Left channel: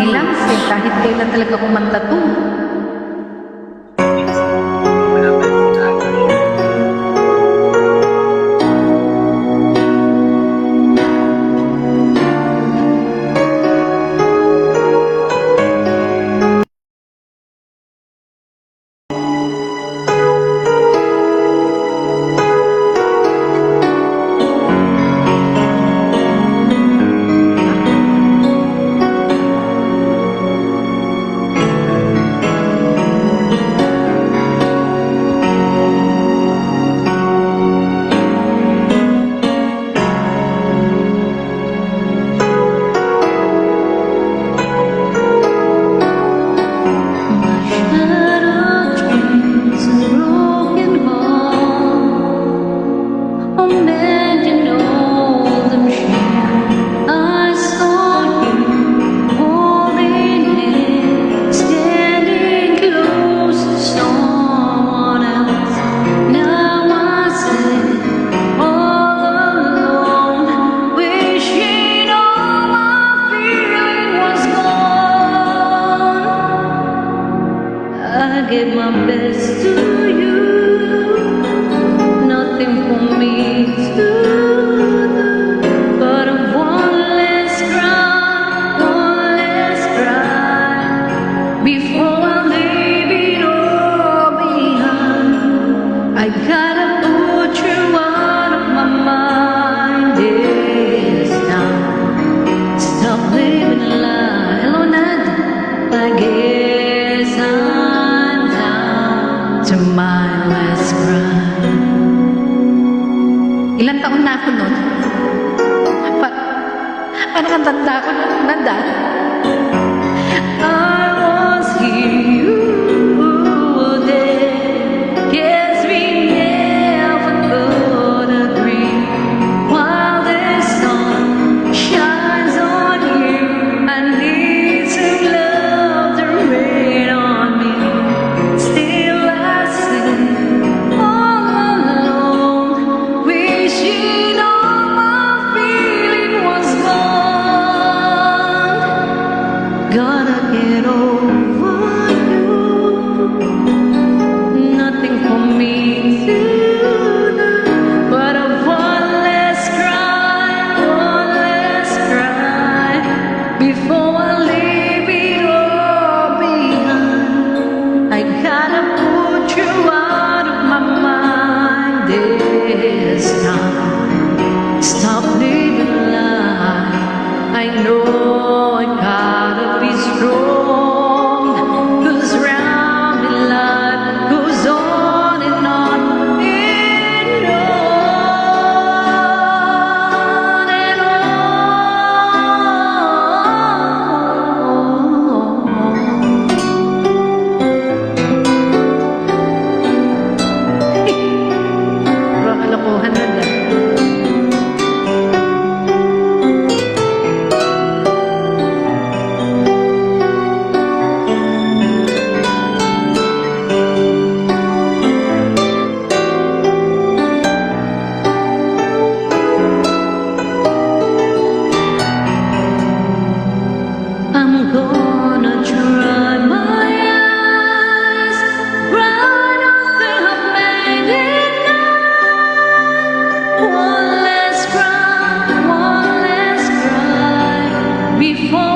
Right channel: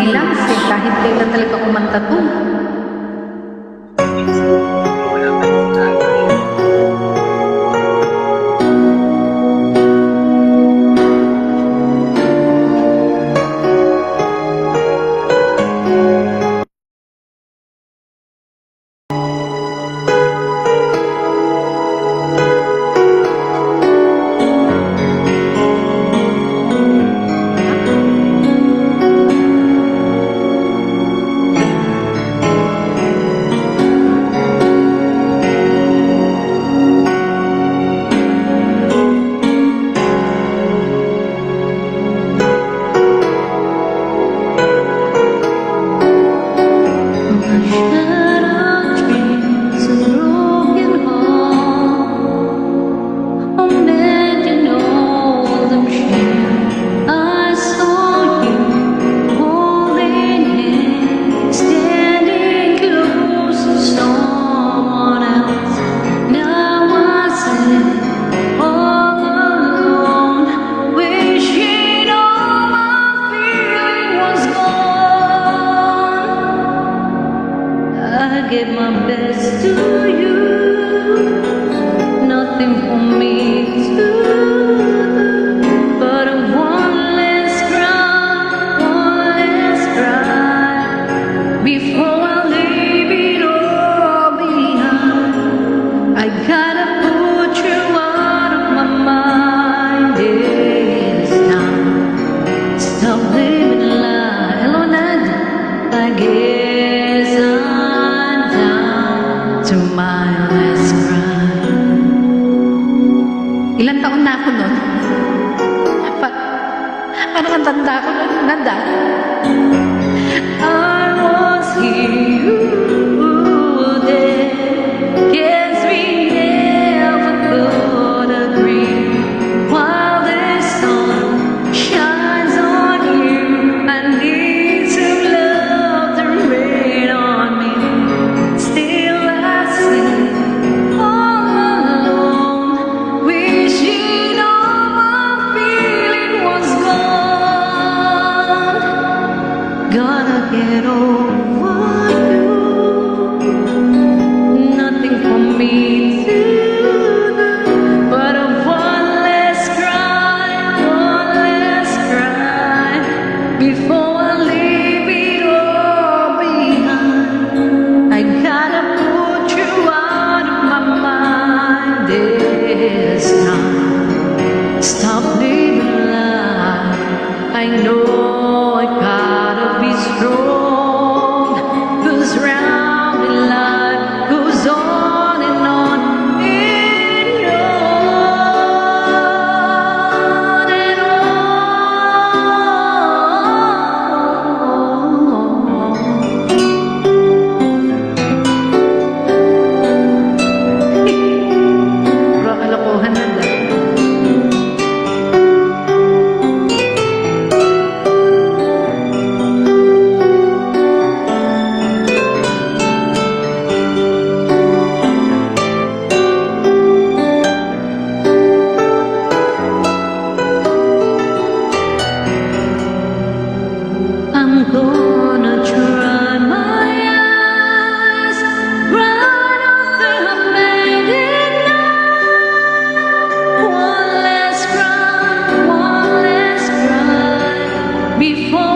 Nilams eh, kahit kailan talaga kumanta to. I gave my best to you, nothing for me to do, but a one less cry, before I leave it all behind. I gotta put you out of my mind this time. Stop living a lie. Hello, Nad. I guess I'm down to my last cry. Ilan taon na ako nun? Parang ang tanda ko nun, Nanda. I was here, you were there. Guess we never could agree. While the sun shines on you, I need some love to rain on me. Still I sit all alone, wishing all my feeling was gone. Gotta get over you, nothing for me to do, but a one less cry, before I leave it all behind. I gotta put you out of my mind this time. Stop living a lie. I know I gotta be strong, 'cause round in life goes on and on and on and on. Bro, kalokohan, Nanda. I'm gonna try my eyes right after I've made it now. One less cry, before